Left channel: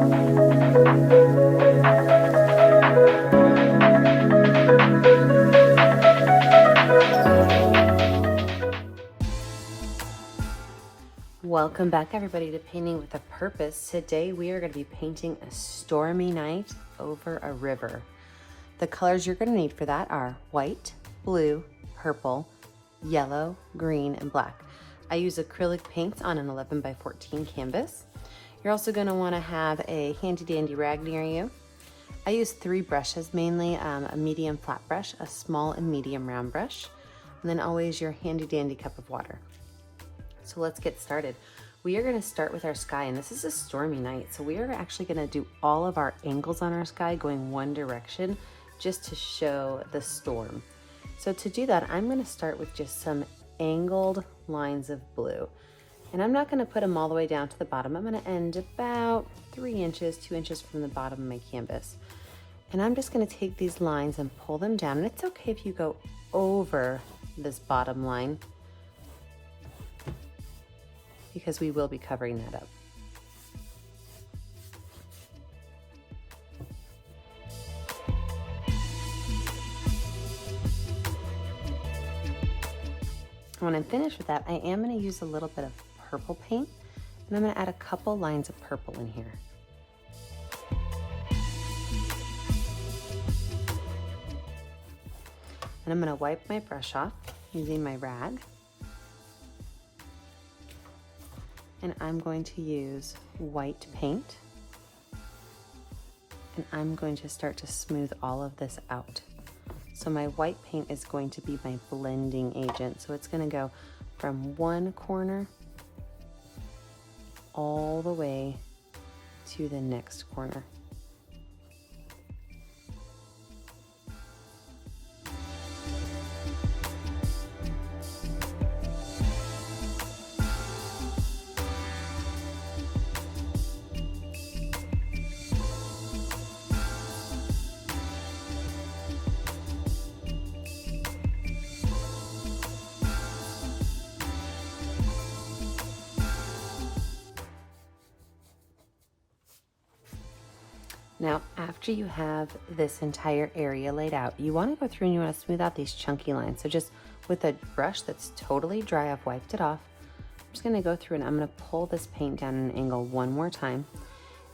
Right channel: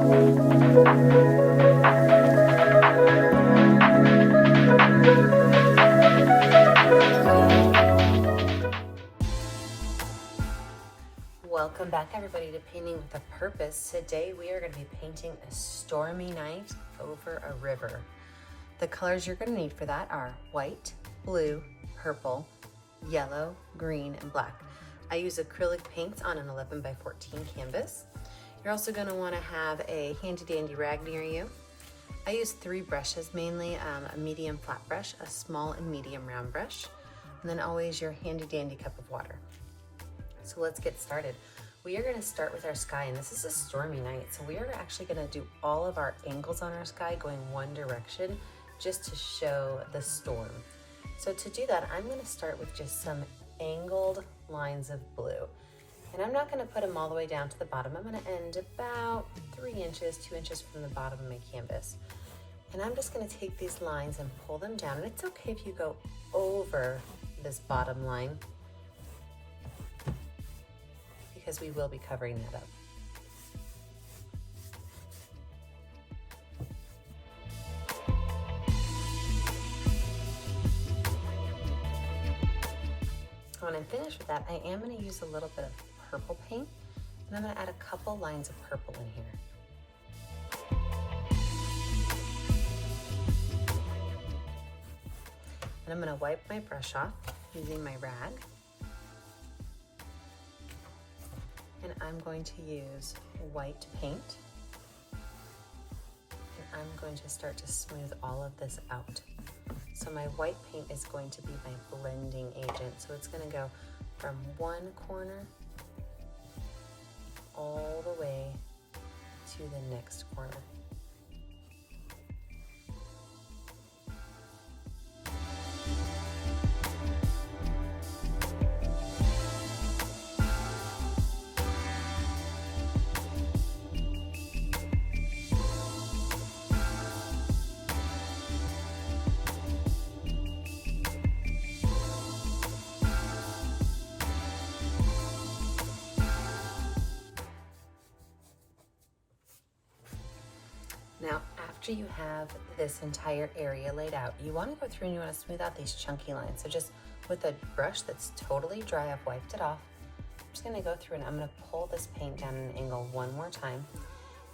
Welcome back, everybody, to Painting with a Purpose. Today we are going to be painting a stormy night over a river. The colors you're going to need for that are white, blue, purple, yellow, green, and black. I use acrylic paints on an 11 by 14 canvas. You're also going to want to have a handy dandy rag near you. I use 3 brushes mainly, a medium flat brush, a small and medium round brush, and then always your handy dandy cup of water. So let's get started. We are going to start with our sky, and this is a stormy night, so we are actually going to do all of our angles on our sky going one direction just to show the storm. So to do that, I'm going to start with just some angled lines of blue, and I'm not going to put them all the way down to the bottom. I'm going to end about 3 inches, 2 inches from the bottom of my canvas, and I'm just going to take these lines and pull them down. And it's okay if you go over this bottom line, because we will be covering that up. When I'm finished with that, I am going to use a little bit of purple paint, and I'm going to add a couple lines of purple in here. And I'm going to wipe my brush off using my rag. And I'm going to use white paint, and I'm going to start to smooth all of this out. So my white paint is going to be my blending agent. So it's going to go from one corner all the way to the next corner. Now, after you have this entire area laid out, you want to go through and you want to smooth out these chunky lines. So just with a brush that's totally dry, I've wiped it off. I'm just going to go through and I'm going to pull this paint down at an angle one more time.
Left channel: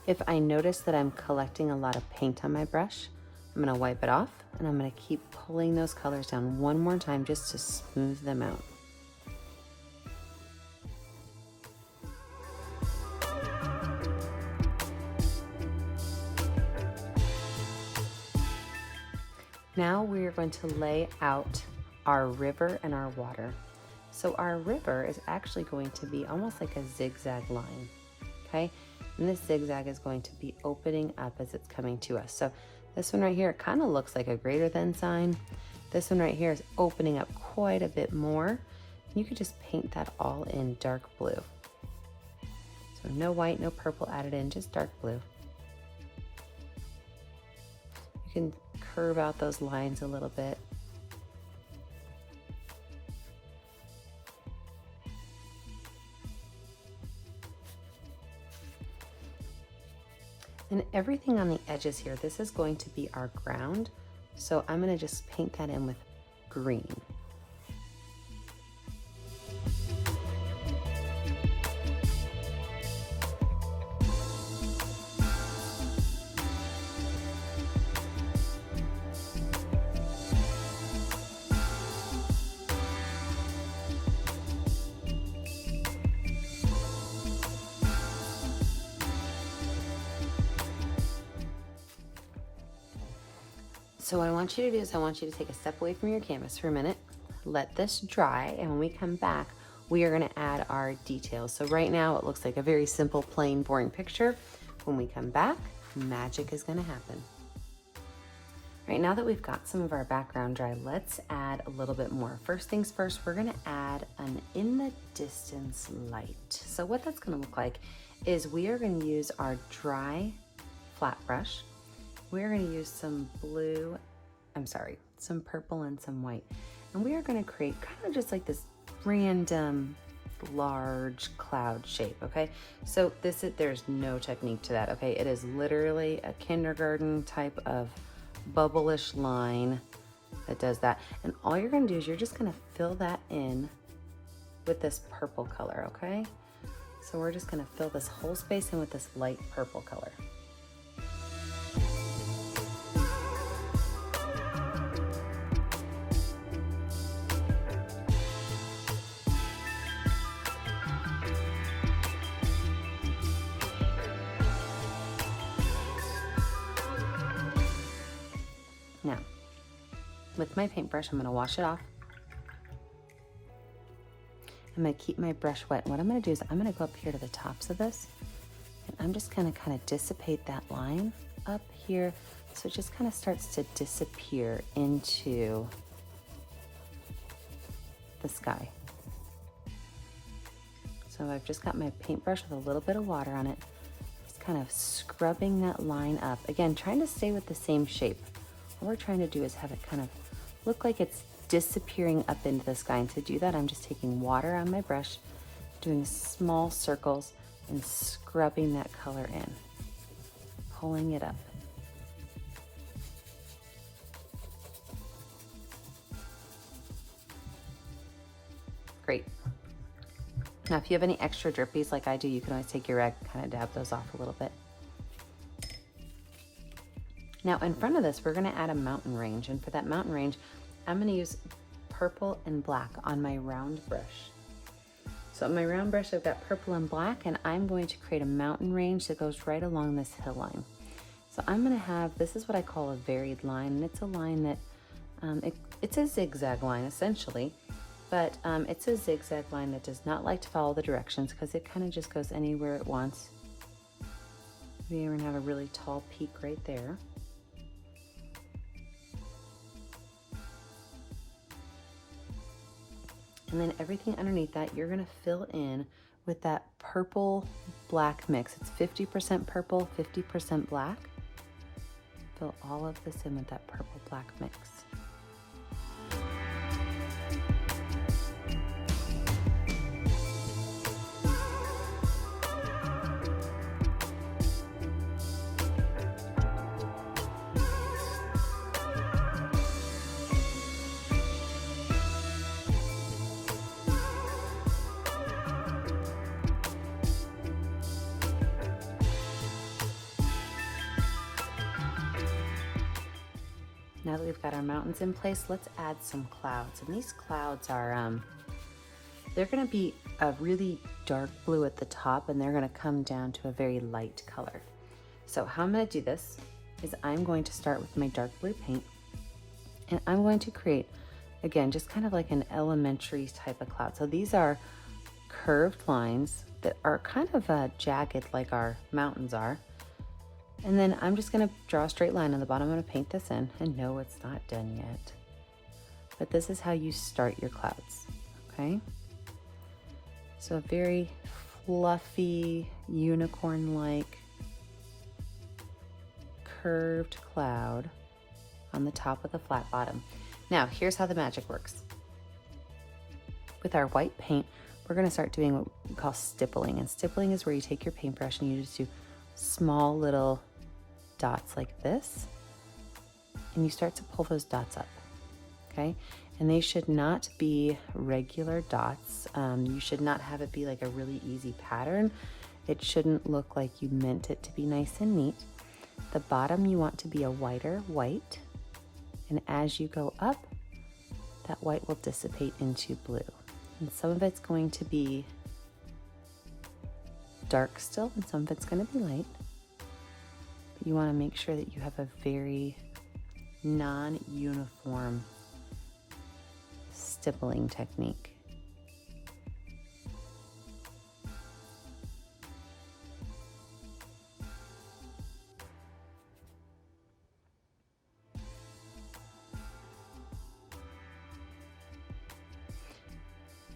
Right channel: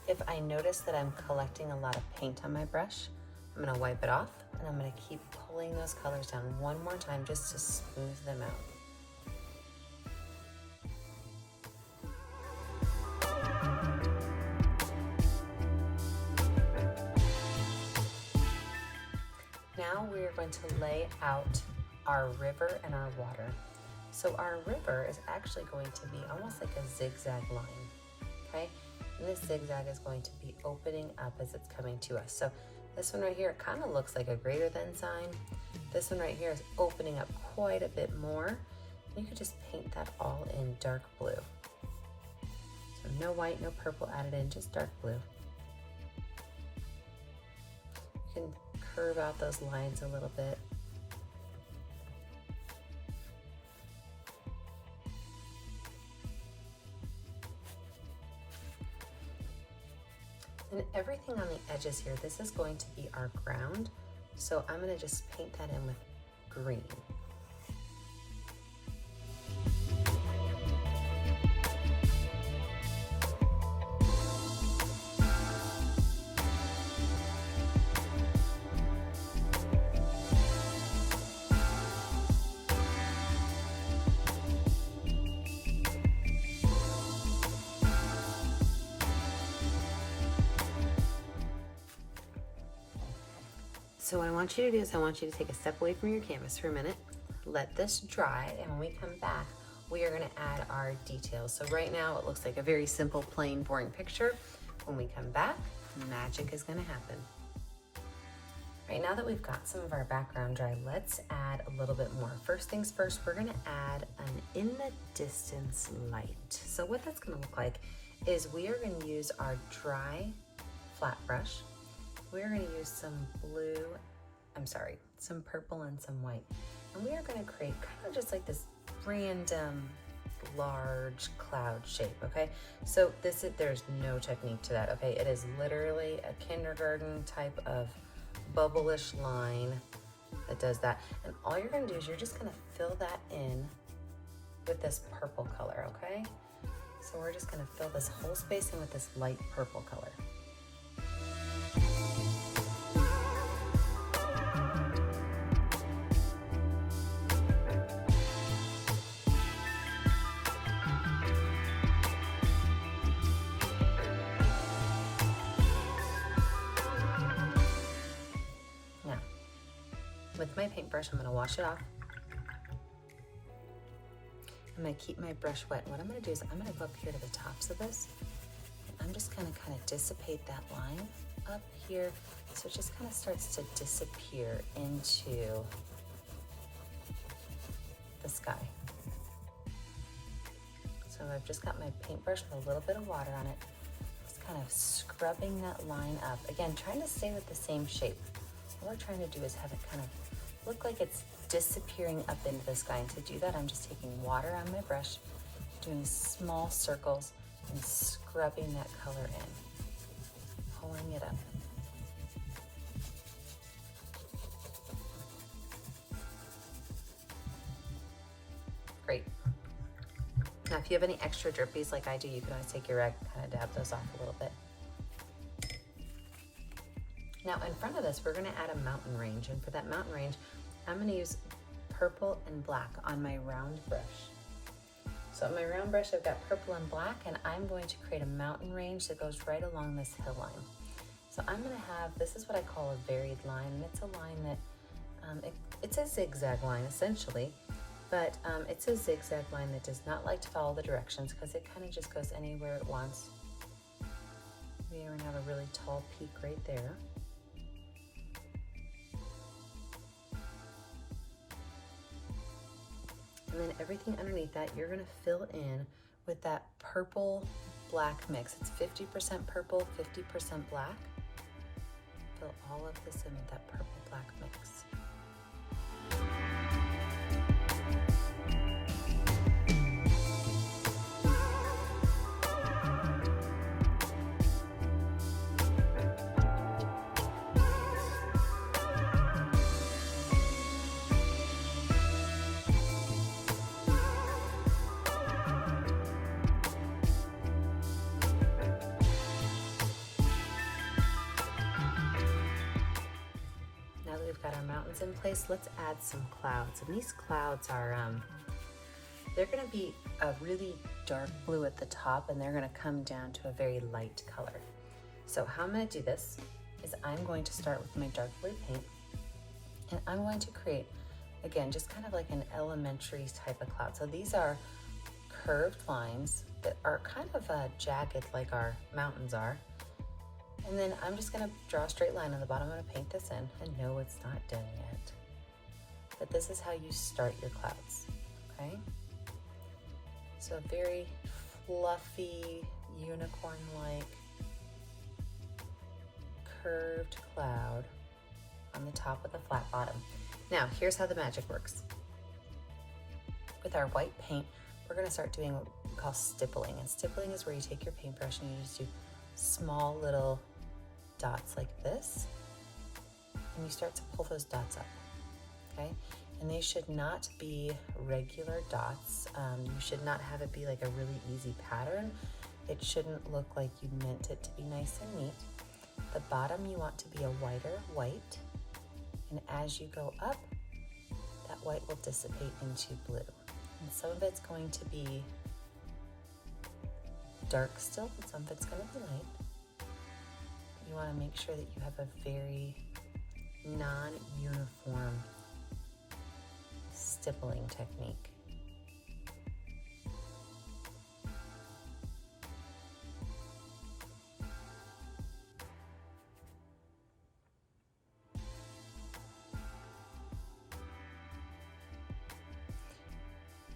If I notice that I'm collecting a lot of paint on my brush, I'm going to wipe it off, and I'm going to keep pulling those colors down one more time just to smooth them out. Now we are going to lay out our river and our water. So our river is actually going to be almost like a zigzag line, okay? And this zigzag is going to be opening up as it's coming to us. So this one right here, it kind of looks like a greater than sign. This one right here is opening up quite a bit more. You could just paint that all in dark blue. So no white, no purple added in, just dark blue. You can curve out those lines a little bit. And everything on the edges here, this is going to be our ground. So I'm going to just paint that in with green. So what I want you to do is I want you to take a step away from your canvas for a minute, let this dry, and when we come back, we are gonna add our details. So right now it looks like a very simple, plain, boring picture. When we come back, magic is gonna happen. Right now that we've got some of our background dry, let's add a little bit more. First things first, we're gonna add an in the distance light. So what that's gonna look like is we are gonna use our dry flat brush. We're gonna use some some purple and some white. And we are gonna create kind of just like this random large cloud shape, okay? So there's no technique to that, okay? It is literally a kindergarten type of bubble-ish line that does that. And all you're gonna do is you're just gonna fill that in with this purple color, okay? So we're just gonna fill this whole space in with this light purple color. Now, with my paintbrush, I'm gonna wash it off. I'm gonna keep my brush wet. What I'm gonna do is I'm gonna go up here to the tops of this, and I'm just gonna kind of dissipate that line up here, so it just kind of starts to disappear into the sky. So I've just got my paintbrush with a little bit of water on it, just kind of scrubbing that line up. Again, trying to stay with the same shape. What we're trying to do is have it kind of look like it's disappearing up into the sky. And to do that, I'm just taking water on my brush, doing small circles and scrubbing that color in, pulling it up. Great. Now, if you have any extra drippies like I do, you can always take your rag, kind of dab those off a little bit. Now, in front of this, we're gonna add a mountain range. And for that mountain range, I'm gonna use purple and black on my round brush. So on my round brush, I've got purple and black, and I'm going to create a mountain range that goes right along this hill line. So I'm gonna have, this is what I call a varied line, and it's a line that, it's a zigzag line essentially, but it's a zigzag line that does not like to follow the directions because it kind of just goes anywhere it wants. We even have a really tall peak right there. And then everything underneath that, you're gonna fill in with that purple black mix. It's 50% purple, 50% black. Fill all of this in with that purple black mix. Now that we've got our mountains in place, let's add some clouds. And these clouds are, they're gonna be a really dark blue at the top, and they're gonna come down to a very light color. So how I'm gonna do this is I'm going to start with my dark blue paint, and I'm going to create, again, just kind of like an elementary type of cloud. So these are curved lines that are kind of jagged like our mountains are. And then I'm just gonna draw a straight line on the bottom. I'm gonna paint this in, and no, it's not done yet. But this is how you start your clouds, okay? So a very fluffy, unicorn-like curved cloud on the top with a flat bottom. Now, here's how the magic works. With our white paint, we're gonna start doing what we call stippling. And stippling is where you take your paintbrush and you just do small little dots like this, and you start to pull those dots up, okay? And they should not be regular dots. You should not have it be like a really easy pattern. It shouldn't look like you meant it to be nice and neat. The bottom you want to be a whiter white, and as you go up, that white will dissipate into blue. And some of it's going to be dark still, and some of it's going to be light. You want to make sure that you have a very non-uniform stippling technique.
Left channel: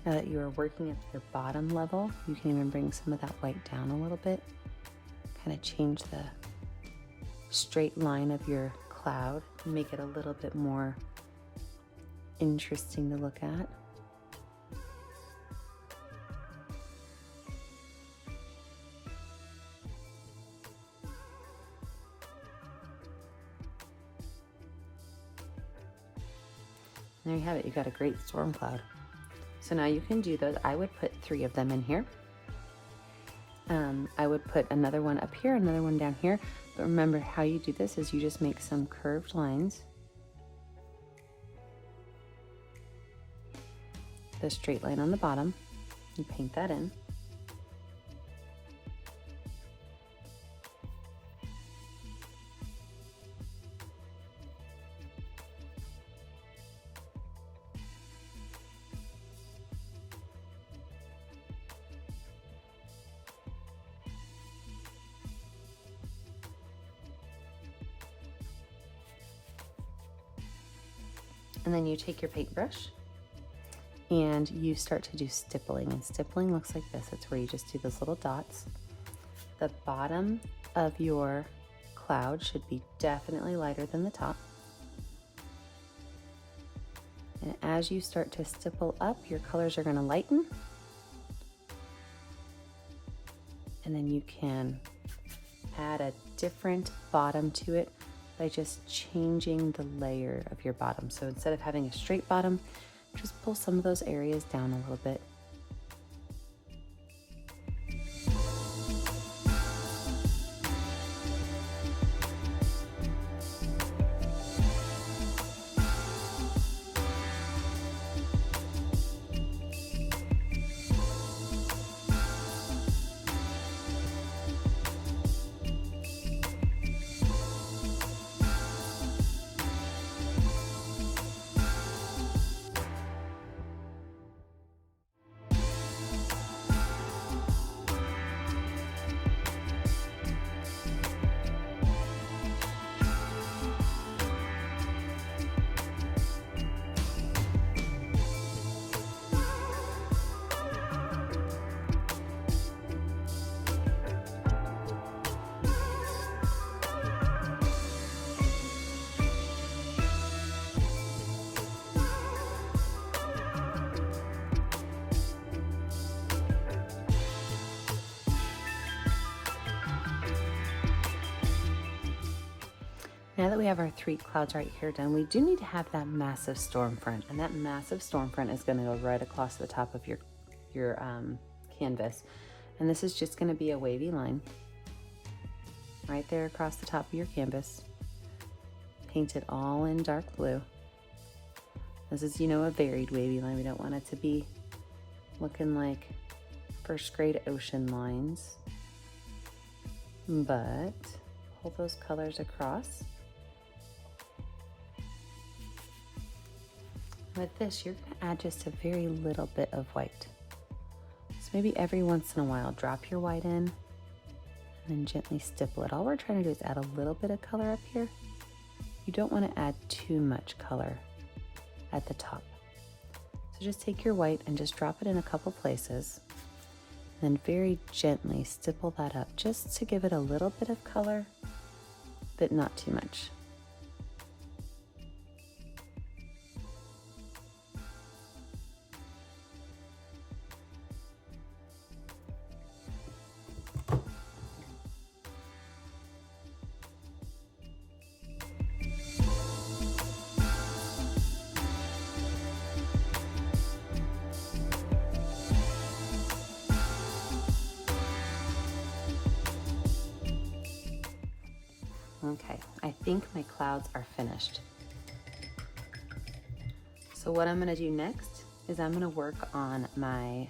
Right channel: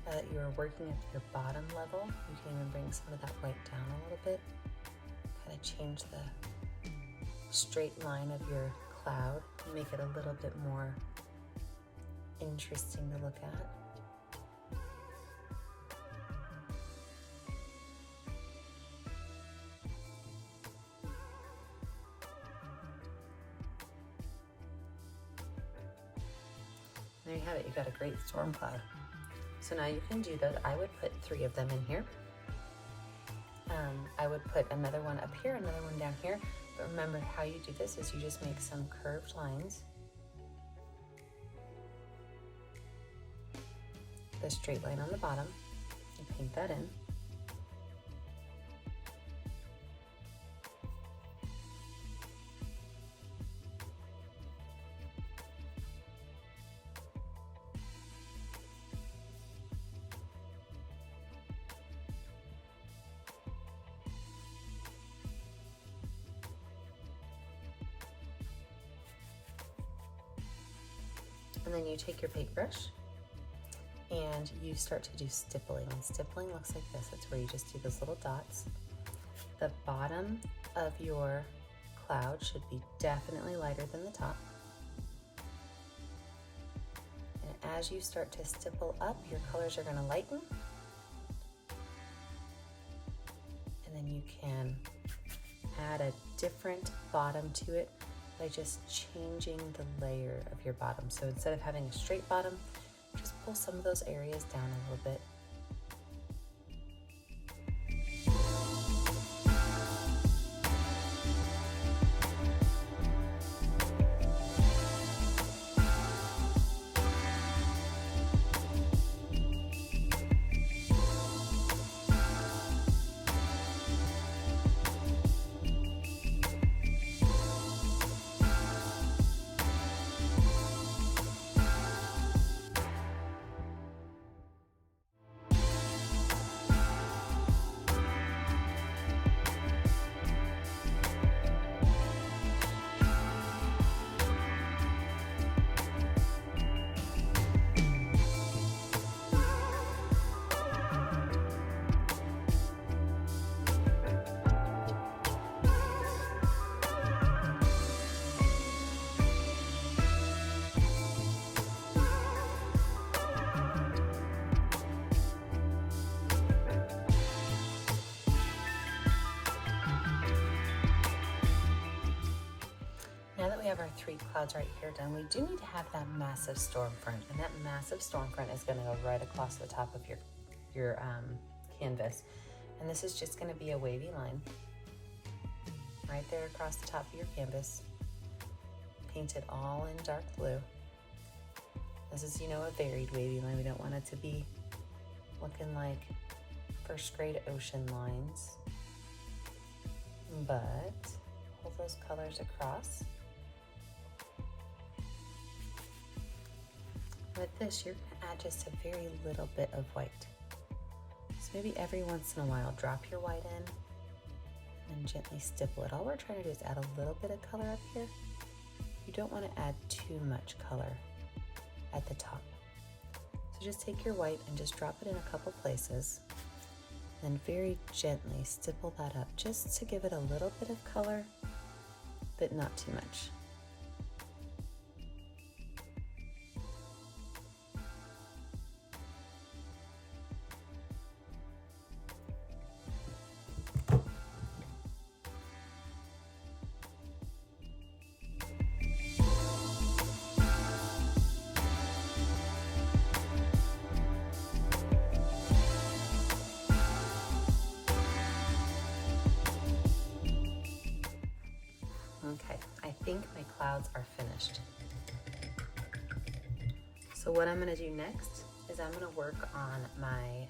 Now that you are working at your bottom level, you can even bring some of that white down a little bit, kind of change the straight line of your cloud and make it a little bit more interesting to look at. There you have it, you got a great storm cloud. So now you can do those. I would put 3 of them in here. I would put another one up here, another one down here. But remember, how you do this is you just make some curved lines. The straight line on the bottom, you paint that in. And then you take your paintbrush and you start to do stippling. And stippling looks like this. It's where you just do those little dots. The bottom of your cloud should be definitely lighter than the top. And as you start to stipple up, your colors are going to lighten. And then you can add a different bottom to it by just changing the layer of your bottom. So instead of having a straight bottom, just pull some of those areas down a little bit. Now that we have our 3 clouds right here done, we do need to have that massive storm front, and that massive storm front is going to go right across the top of your canvas. And this is just going to be a wavy line right there across the top of your canvas. Paint it all in dark blue. This is, a varied wavy line. We don't want it to be looking like first grade ocean lines, but pull those colors across. With this, you're going to add just a very little bit of white. So maybe every once in a while, drop your white in and then gently stipple it. All we're trying to do is add a little bit of color up here. You don't want to add too much color at the top. So just take your white and just drop it in a couple places. Then very gently stipple that up just to give it a little bit of color, but not too much. Okay, I think my clouds are finished. So what I'm gonna do next is I'm gonna work on my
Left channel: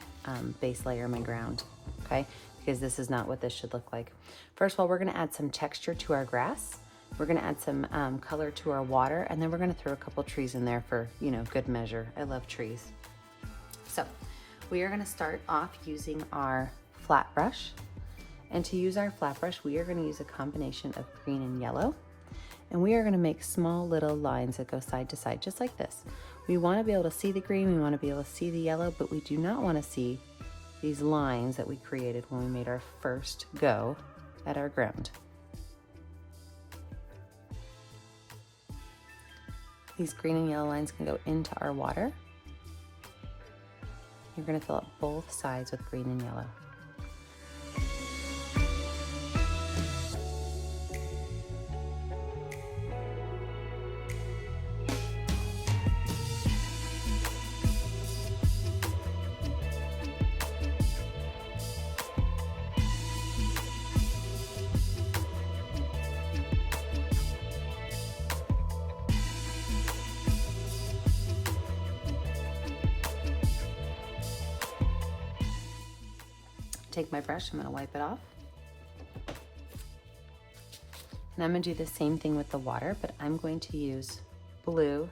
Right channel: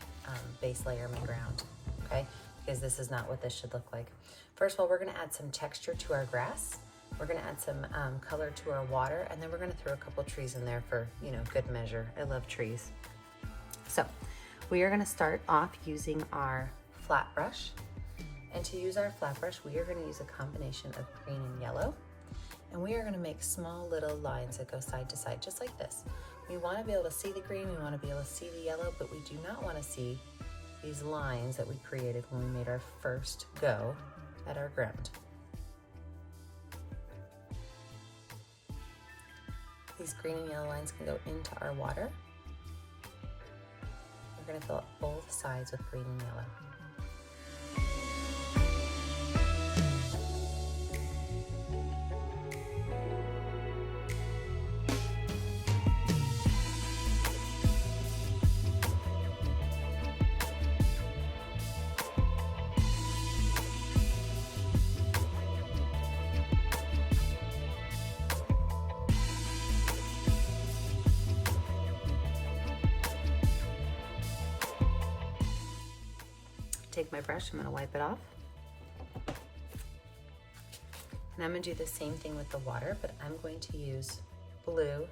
base layer, my ground, okay? Because this is not what this should look like. First of all, we're gonna add some texture to our grass. We're gonna add some color to our water, and then we're gonna throw a couple trees in there for, good measure. I love trees. So we are gonna start off using our flat brush. And to use our flat brush, we are going to use a combination of green and yellow. And we are going to make small little lines that go side to side, just like this. We want to be able to see the green, we want to be able to see the yellow, but we do not want to see these lines that we created when we made our first go at our ground. These green and yellow lines can go into our water. You're going to fill up both sides with green and yellow. take my brush, I'm gonna wipe it off. And I'm gonna do the same thing with the water, but I'm going to use blue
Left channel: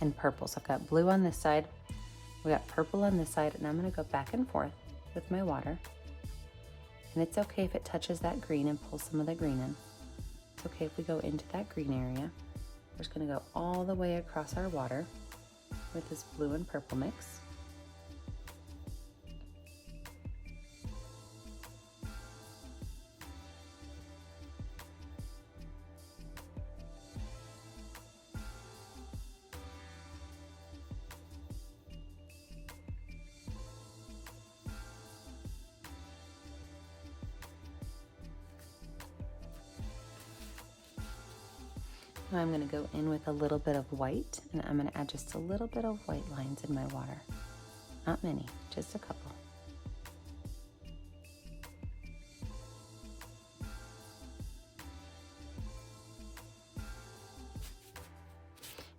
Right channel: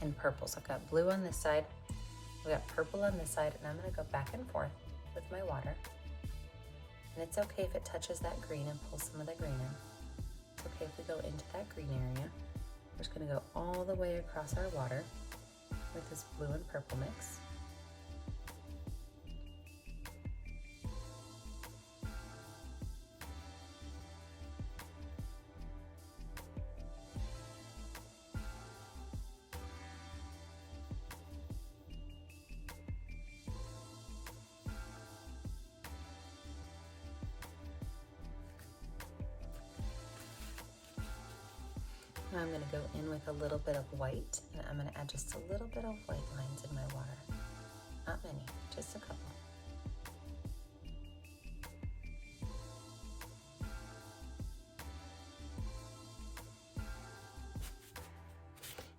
and purple. So I've got blue on this side, we got purple on this side, and I'm gonna go back and forth with my water. And it's okay if it touches that green and pulls some of the green in. It's okay if we go into that green area. We're just gonna go all the way across our water with this blue and purple mix. Now I'm going to go in with a little bit of white, and I'm going to add just a little bit of white lines in my water. Not many, just a couple.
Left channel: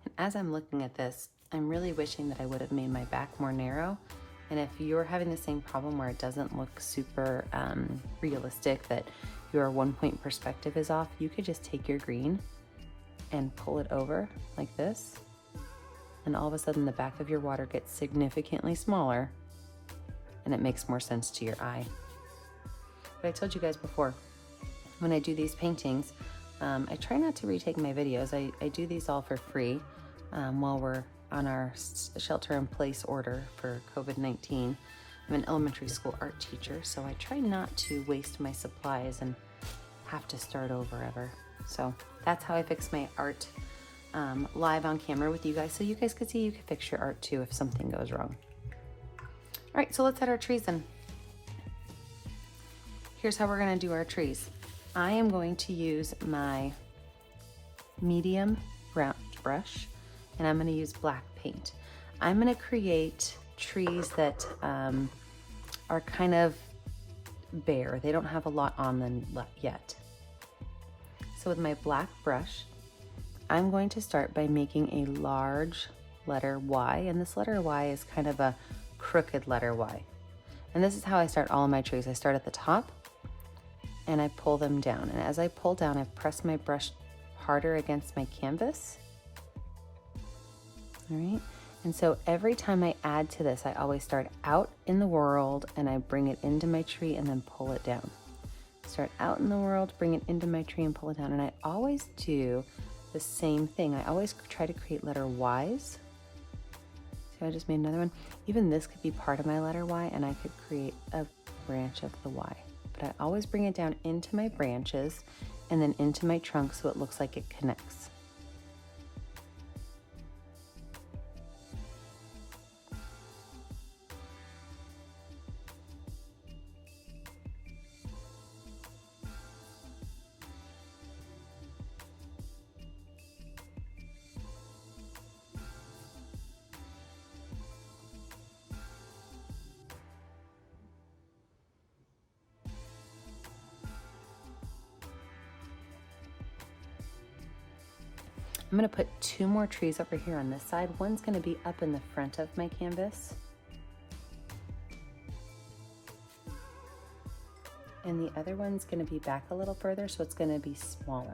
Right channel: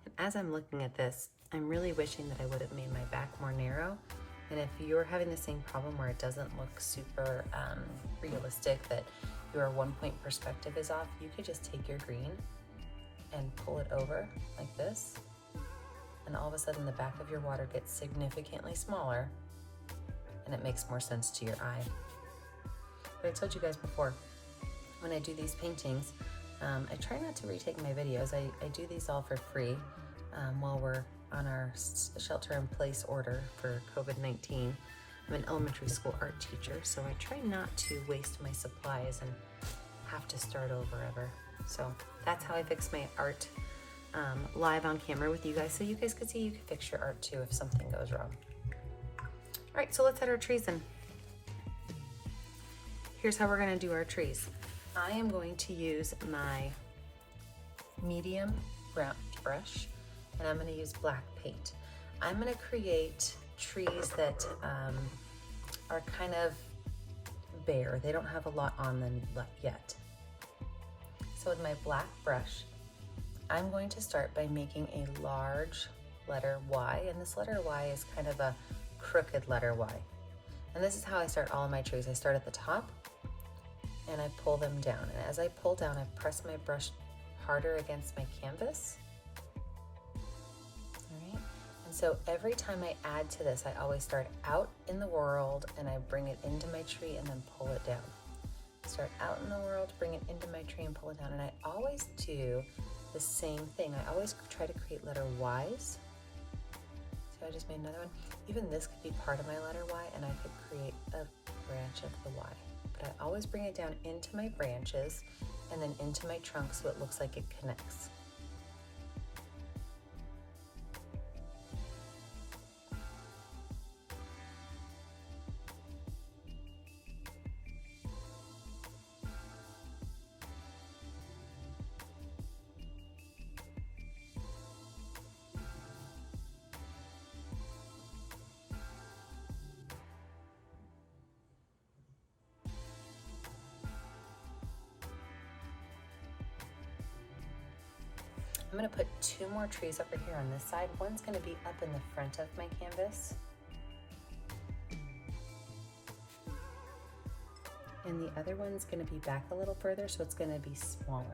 And as I'm looking at this, I'm really wishing that I would have made my back more narrow. And if you're having the same problem where it doesn't look super realistic, that your 1-point perspective is off, you could just take your green and pull it over like this, and all of a sudden the back of your water gets significantly smaller and it makes more sense to your eye. But I told you guys before, when I do these paintings, I try not to retake my videos. I do these all for free while we're on our shelter-in-place order for COVID-19. I'm an elementary school art teacher, so I try not to waste my supplies and have to start over ever. So that's how I fix my art live on camera with you guys, so you guys can see you can fix your art too if something goes wrong. All right, so let's add our trees in. Here's how we're gonna do our trees. I am going to use my medium round brush, and I'm gonna use black paint. I'm gonna create trees that are kind of bare. They don't have a lot on them yet. So with my black brush, I'm going to start by making a large letter Y, and this letter Y is kind of a crooked letter Y. And this is how I start all of my trees. I start at the top and I pull them down. And as I pull down, I press my brush harder against my canvas. All right. And so every time I add to this, I always start out in the world and I bring it into my tree and then pull it down. Start out in the world, bring it into my tree and pull it down. And I always do the same thing. I always try to create letter Ys. See, I just made another one. Even this could be part of my letter Y, and I could create a branch of the Y. But I always bring it down into my branches and then into my trunk so it looks like it connects. I'm gonna put 2 more trees over here on this side. One's gonna be up in the front of my canvas. And the other one's gonna be back a little further, so it's gonna be smaller.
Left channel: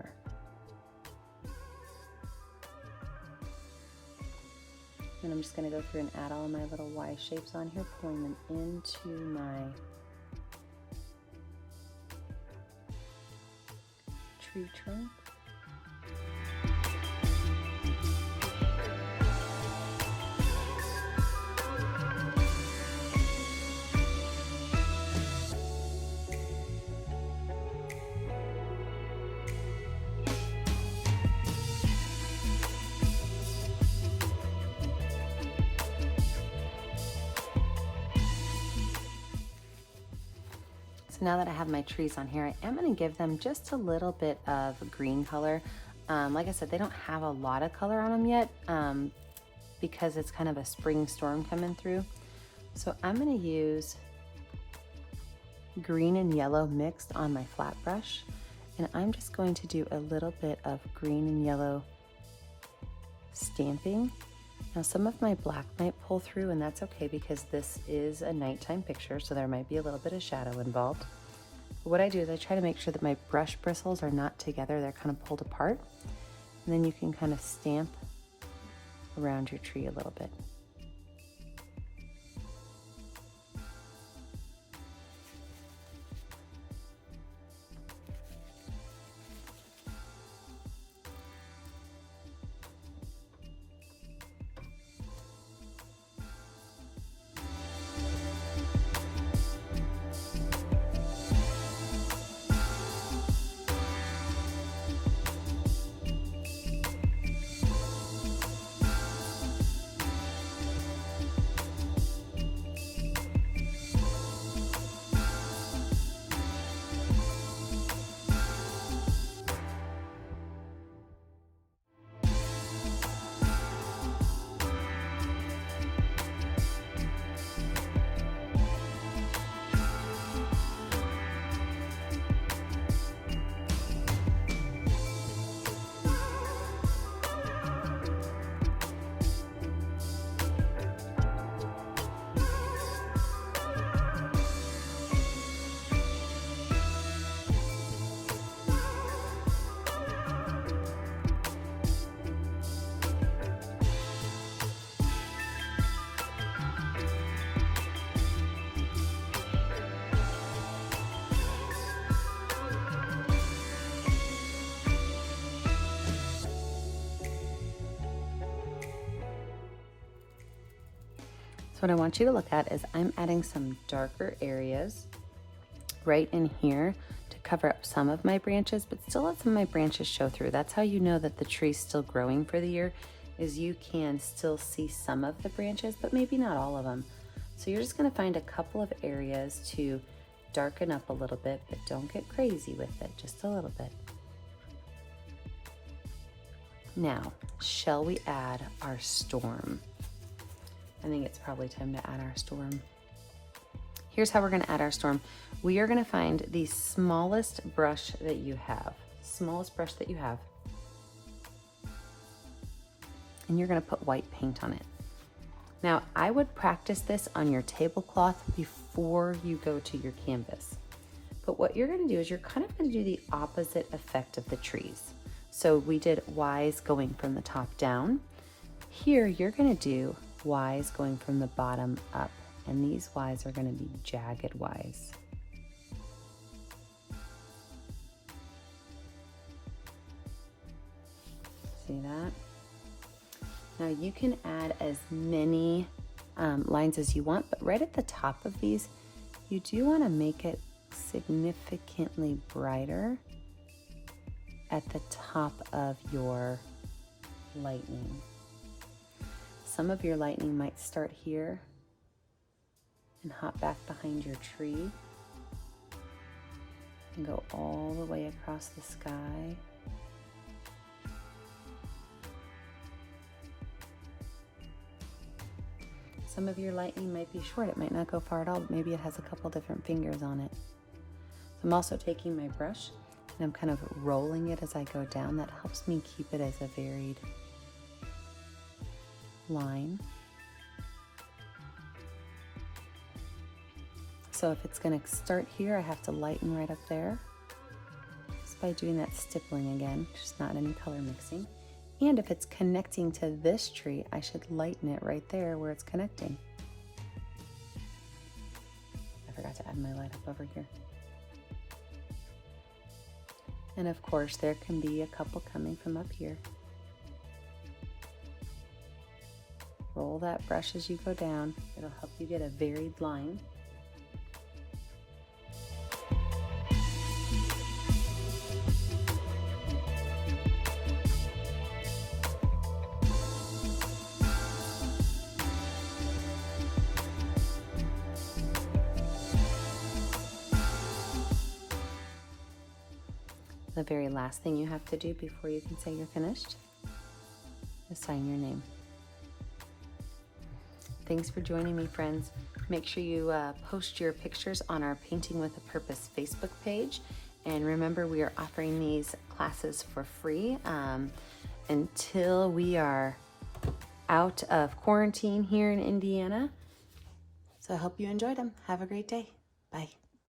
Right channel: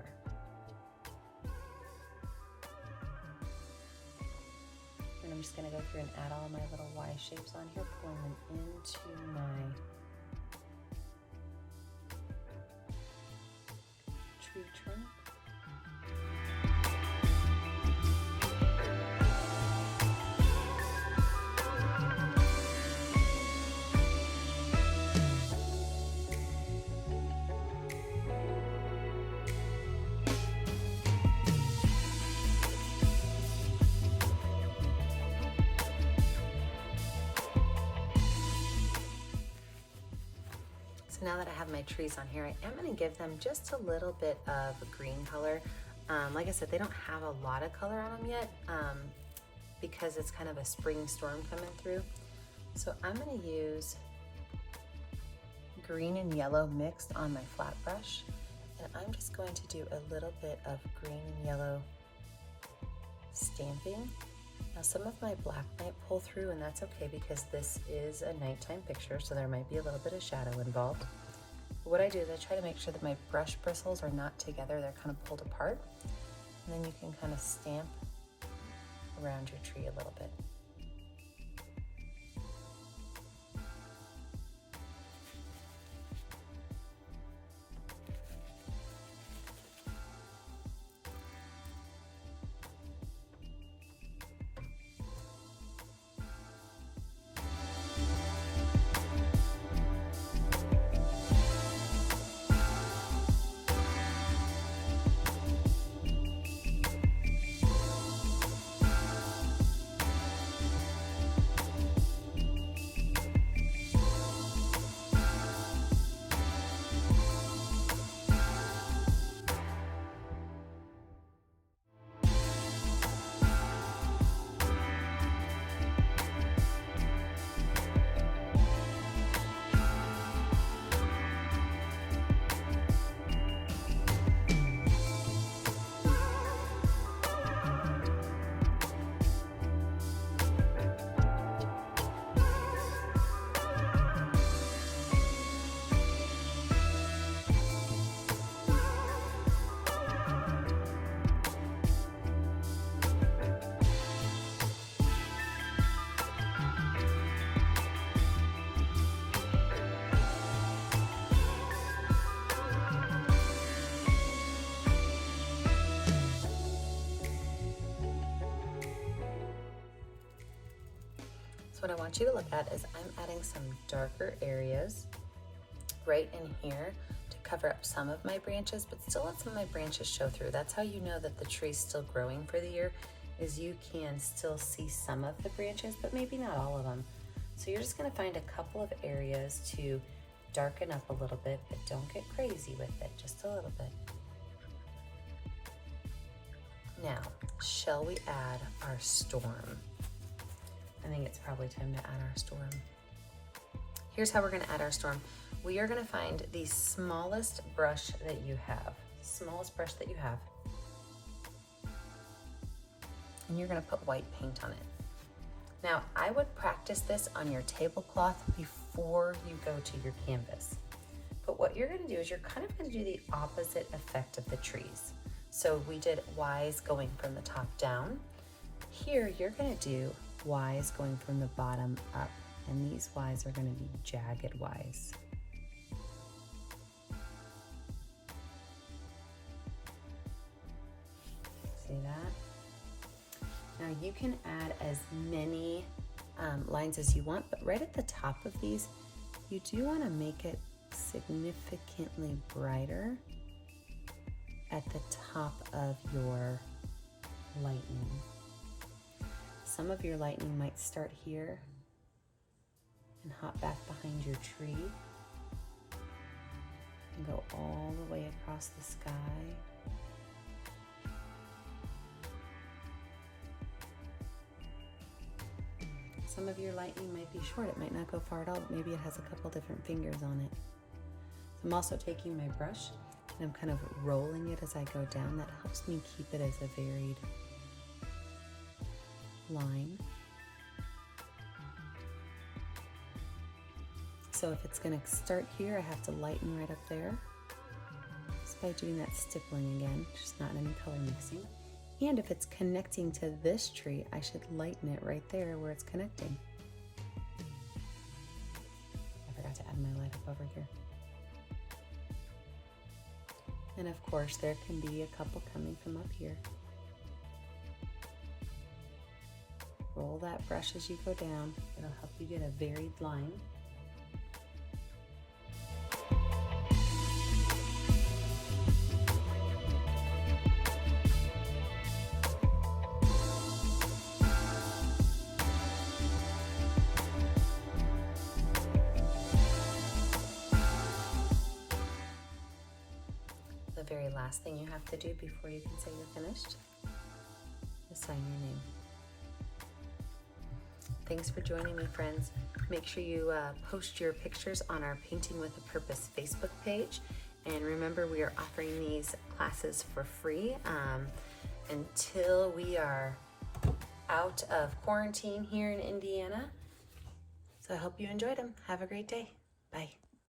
And I'm just gonna go through and add all my little Y shapes on here, pulling them into my tree trunk. So now that I have my trees on here, I am going to give them just a little bit of green color. Like I said, they don't have a lot of color on them yet because it's kind of a spring storm coming through. So I'm going to use green and yellow mixed on my flat brush, and I'm just going to do a little bit of green and yellow stamping Now some of my black might pull through, and that's okay because this is a nighttime picture, so there might be a little bit of shadow involved. But what I do is I try to make sure that my brush bristles are not together, they're kind of pulled apart. And then you can kind of stamp around your tree a little bit. What I want you to look at is I'm adding some darker areas right in here to cover up some of my branches, but still let some of my branches show through. That's how you know that the tree's still growing for the year, is you can still see some of the branches, but maybe not all of them. So you're just gonna find a couple of areas to darken up a little bit, but don't get crazy with it, just a little bit. Now, shall we add our storm? I think it's probably time to add our storm. Here's how we're gonna add our storm. We are gonna find the smallest brush that you have, and you're gonna put white paint on it. Now, I would practice this on your tablecloth before you go to your canvas. But what you're gonna do is you're kind of gonna do the opposite effect of the trees. So we did Ys going from the top down. Here, you're gonna do Ys going from the bottom up, and these Ys are going to be jagged Ys. See that? Now you can add as many lines as you want, but right at the top of these, you do want to make it significantly brighter at the top of your lightning. Some of your lightning might start here and hop back behind your tree and go all the way across the sky. Some of your lightning might be short. It might not go far at all, but maybe it has a couple different fingers on it. So I'm also taking my brush and I'm kind of rolling it as I go down. That helps me keep it as a varied line. So if it's going to start here, I have to lighten right up there just by doing that stippling again, just not any color mixing. And if it's connecting to this tree, I should lighten it right there where it's connecting. I forgot to add my light up over here. And of course, there can be a couple coming from up here. Roll that brush as you go down. It'll help you get a varied line. The very last thing you have to do before you can say you're finished is sign your name. Thanks for joining me, friends. Make sure you post your pictures on our Painting with a Purpose Facebook page. And remember, we are offering these classes for free until we are out of quarantine here in Indiana. So I hope you enjoyed them. Have a great day. Bye.